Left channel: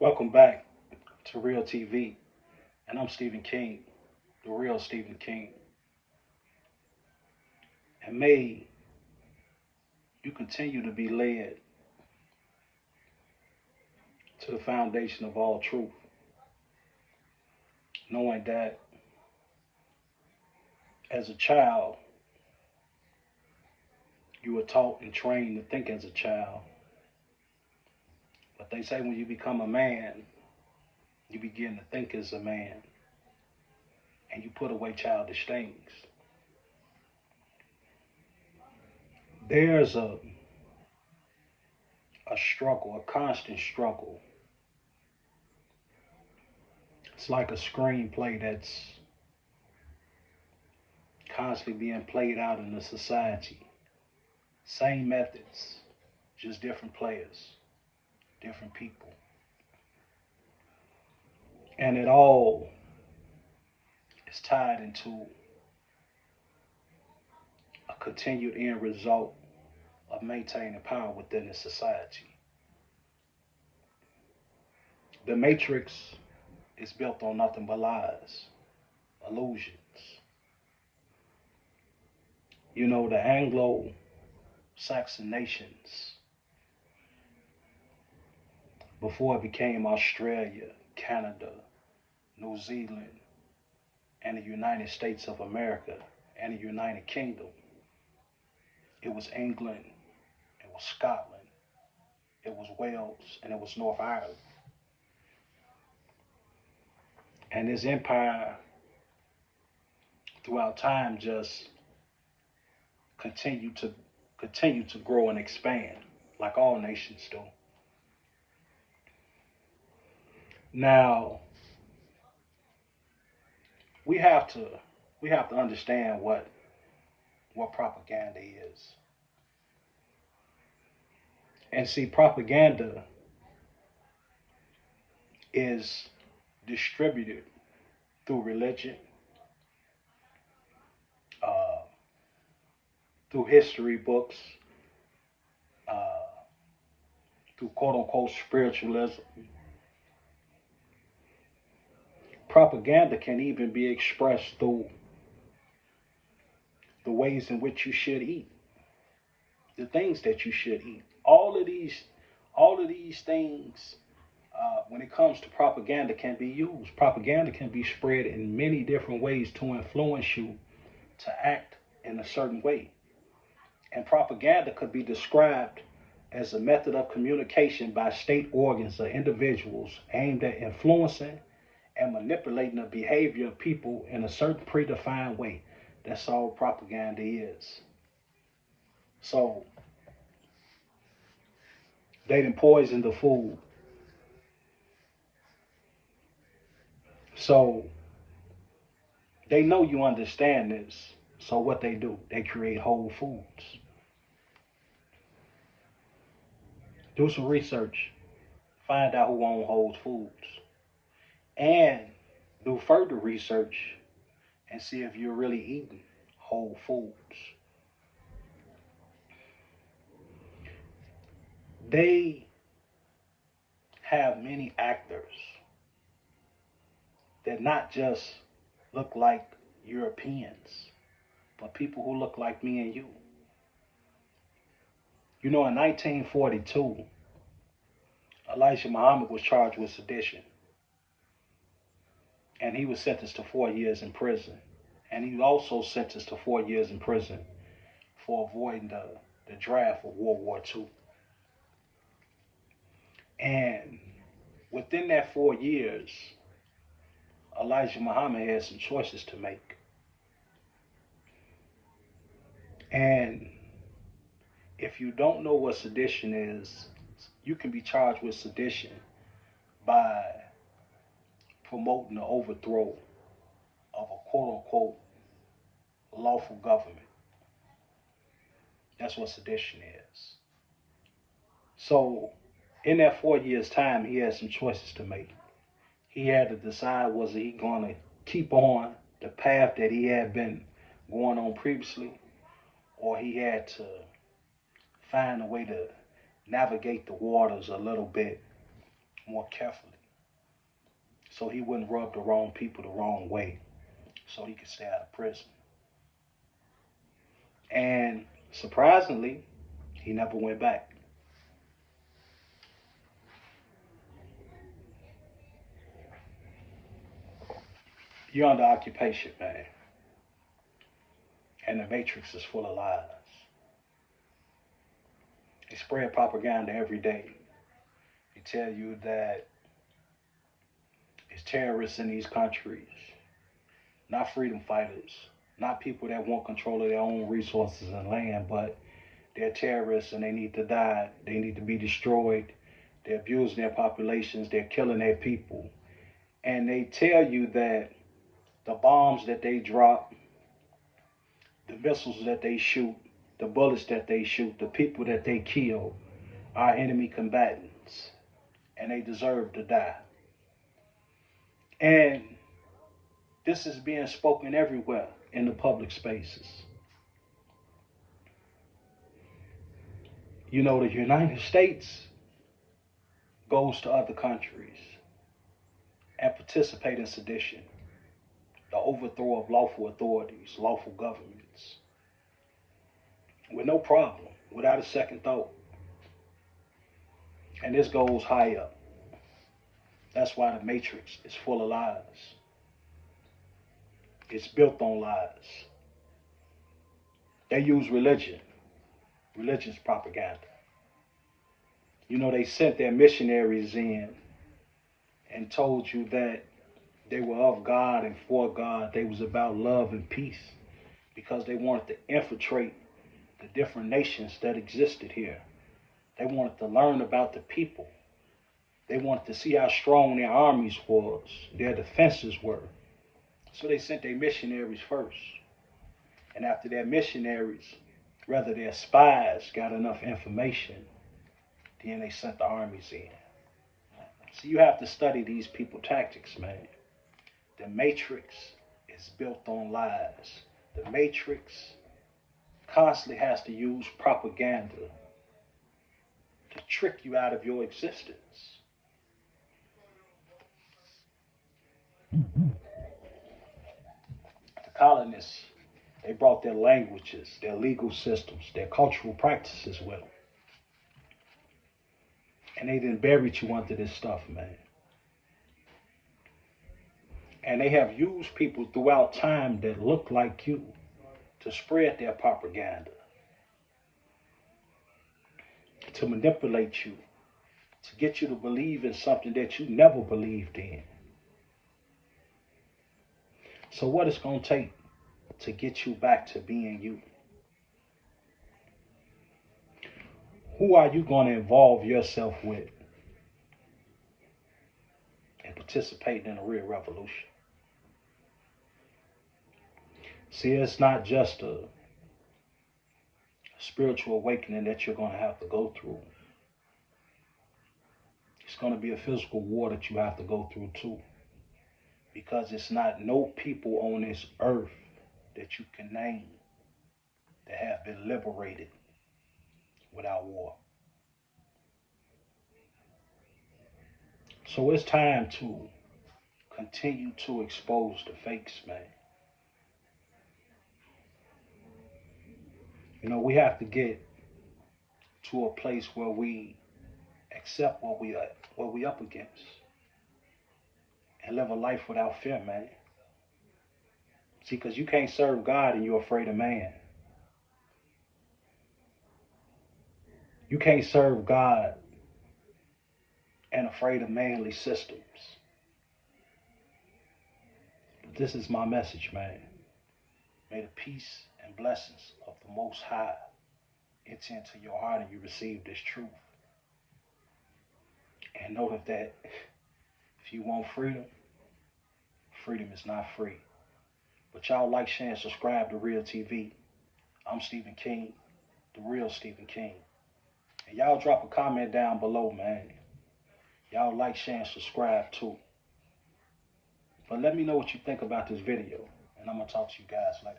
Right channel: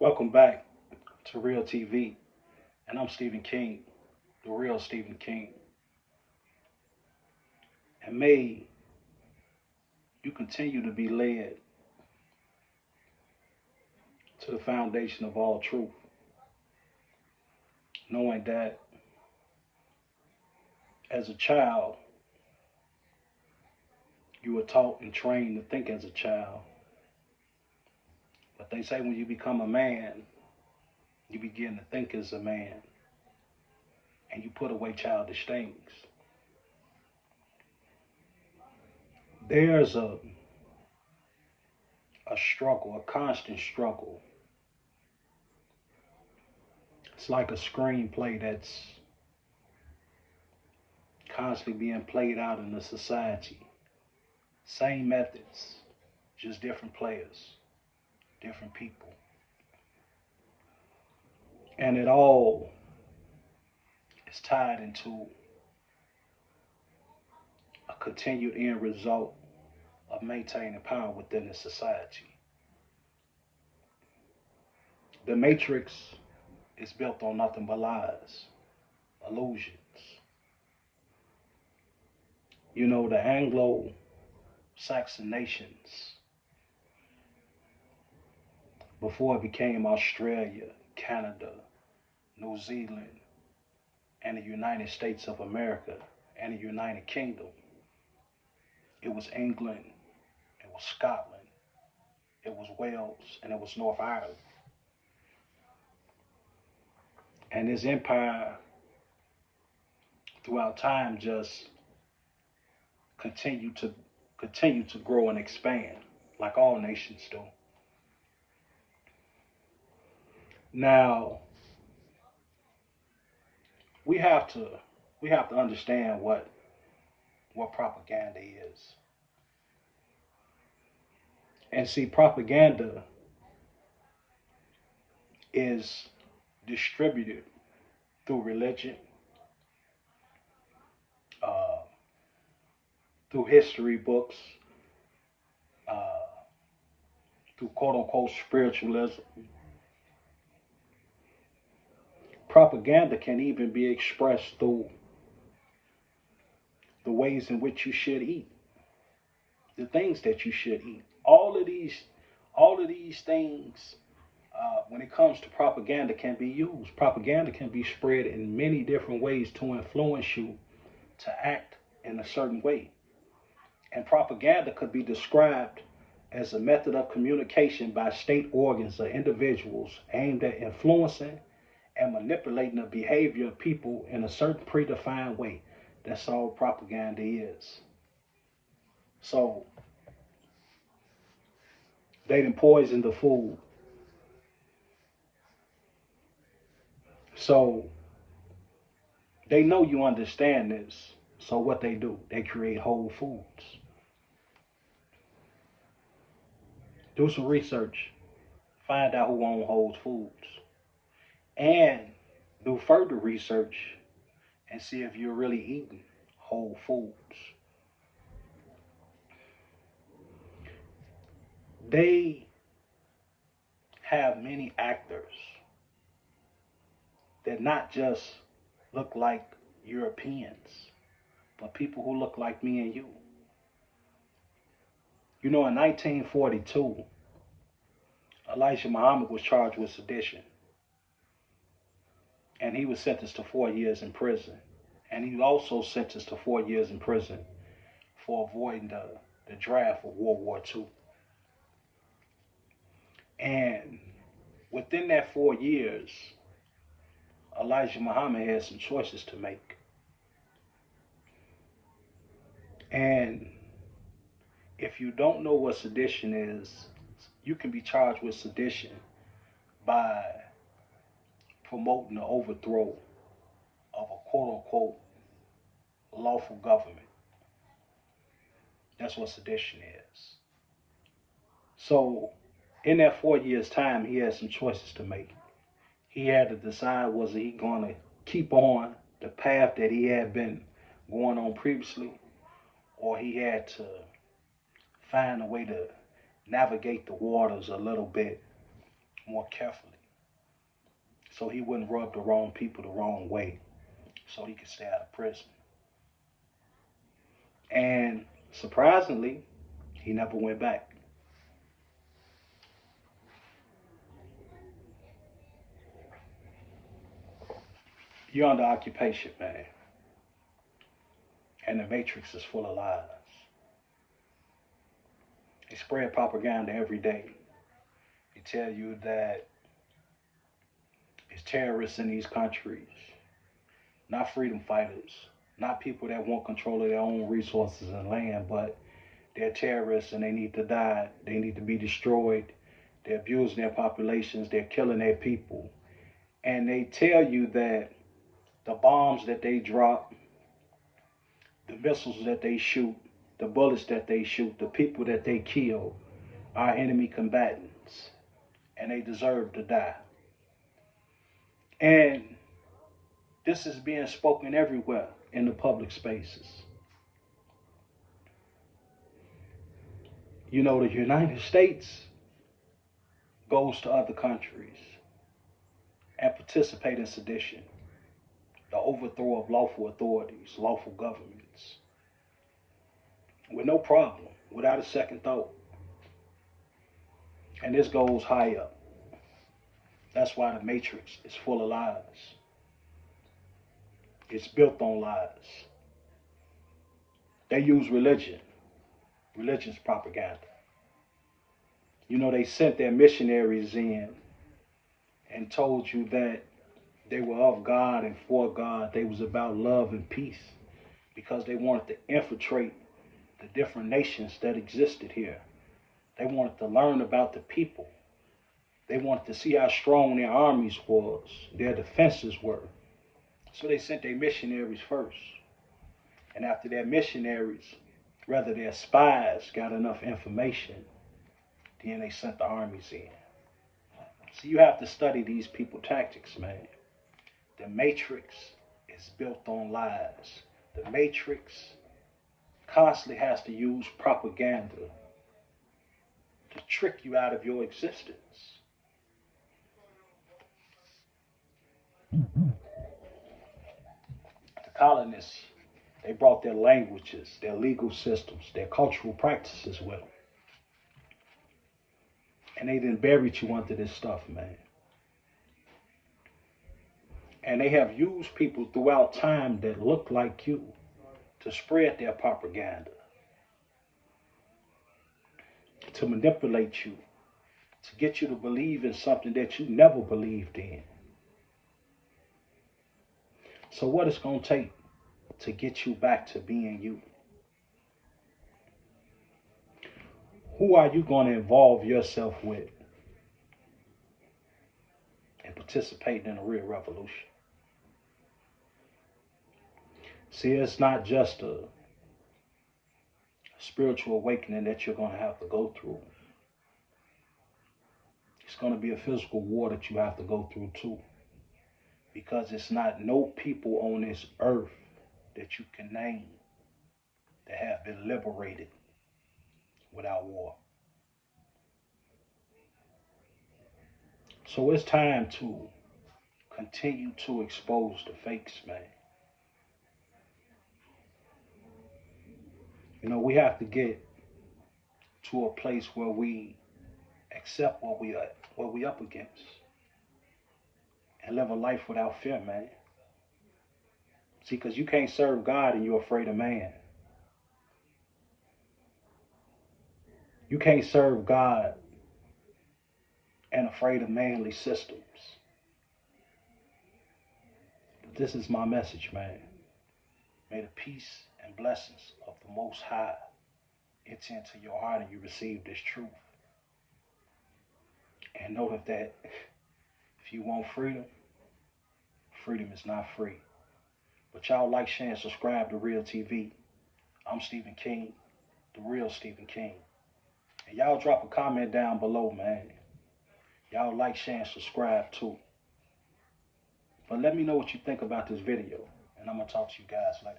Welcome back to Real TV, and I'm Stephen King, the real Stephen King. And may you continue to be led to the foundation of all truth, knowing that as a child, you were taught and trained to think as a child. But they say when you become a man, you begin to think as a man, and you put away childish things. There's a struggle, a constant struggle. It's like a screenplay that's constantly being played out in the society. Same methods, just different players, different people. And it all is tied into a continued end result of maintaining power within the society. The matrix is built on nothing but lies, illusions. You know, the Anglo Saxon nations, before it became Australia, Canada, New Zealand, and the United States of America, and the United Kingdom, it was England, it was Scotland, it was Wales, and it was North Ireland. And this empire throughout time just continued to continue to grow and expand like all nations do. Now we have to we have to understand what propaganda is. And see, propaganda is distributed through religion, uh, through history books, uh, through quote unquote spiritualism. Propaganda can even be expressed through the ways in which you should eat, the things that you should eat. All of these things, when it comes to propaganda, can be used. Propaganda can be spread in many different ways to influence you to act in a certain way. And propaganda could be described as a method of communication by state organs or individuals aimed at influencing and manipulating the behavior of people in a certain predefined way. That's all propaganda is. So they didn't poison the food. So they know you understand this. So what they do, they create Whole Foods. Do some research. Find out who owns Whole Foods. And do further research and see if you're really eating Whole Foods. They have many actors that not just look like Europeans, but people who look like me and you. You know, in 1942, Elijah Muhammad was charged with sedition, and he was sentenced to 4 years in prison. And he was also sentenced to 4 years in prison for avoiding the draft of World War II. And within that 4 years, Elijah Muhammad had some choices to make. And if you don't know what sedition is, you can be charged with sedition by promoting the overthrow of a quote unquote lawful government. That's what sedition is. So, in that 4 years' time, he had some choices to make. He had to decide, was he going to keep on the path that he had been going on previously, or he had to find a way to navigate the waters a little bit more carefully, so he wouldn't rub the wrong people the wrong way, so he could stay out of prison. And surprisingly, he never went back. You're under occupation, man. And the matrix is full of lies. They spread propaganda every day. They tell you that it's terrorists in these countries, not freedom fighters, not people that want control of their own resources and land, but they're terrorists and they need to die. They need to be destroyed. They're abusing their populations. They're killing their people. And they tell you that the bombs that they drop, the missiles that they shoot, the bullets that they shoot, the people that they kill are enemy combatants, and they deserve to die. And this is being spoken everywhere in the public spaces. You know, the United States goes to other countries and participate in sedition, the overthrow of lawful authorities, lawful governments, with no problem, without a second thought. And this goes high up. That's why the matrix is full of lies. It's built on lies. They use religion. Religion's propaganda. You know, they sent their missionaries in and told you that they were of God and for God. They was about love and peace, because they wanted to infiltrate the different nations that existed here. They wanted to learn about the people. They wanted to see how strong their armies was, their defenses were. So they sent their missionaries first. And after their missionaries, rather their spies, got enough information, then they sent the armies in. So you have to study these people tactics, man. The matrix is built on lies. The matrix constantly has to use propaganda to trick you out of your existence. The colonists, they brought their languages, their legal systems, their cultural practices with them. And they then buried you under this stuff, man. And they have used people throughout time that look like you to spread their propaganda, to manipulate you, to get you to believe in something that you never believed in. So what it's going to take to get you back to being you? Who are you going to involve yourself with and participate in a real revolution? See, it's not just a spiritual awakening that you're going to have to go through. It's going to be a physical war that you have to go through too. Because it's not no people on this earth that you can name that have been liberated without war. So it's time to continue to expose the fakes, man. You know, we have to get to a place where we accept what we up against and live a life without fear, man. See, because you can't serve God and you're afraid of man. You can't serve God and afraid of manly systems. But this is my message, man. May the peace and blessings of the Most High enter into your heart and you receive this truth. And know that if you want freedom, freedom is not free. But y'all like, share, and subscribe to Real TV. I'm Stephen King, the real Stephen King. And y'all drop a comment down below, man. Y'all like, share, and subscribe too. But let me know what you think about this video. And I'm going to talk to you guys later.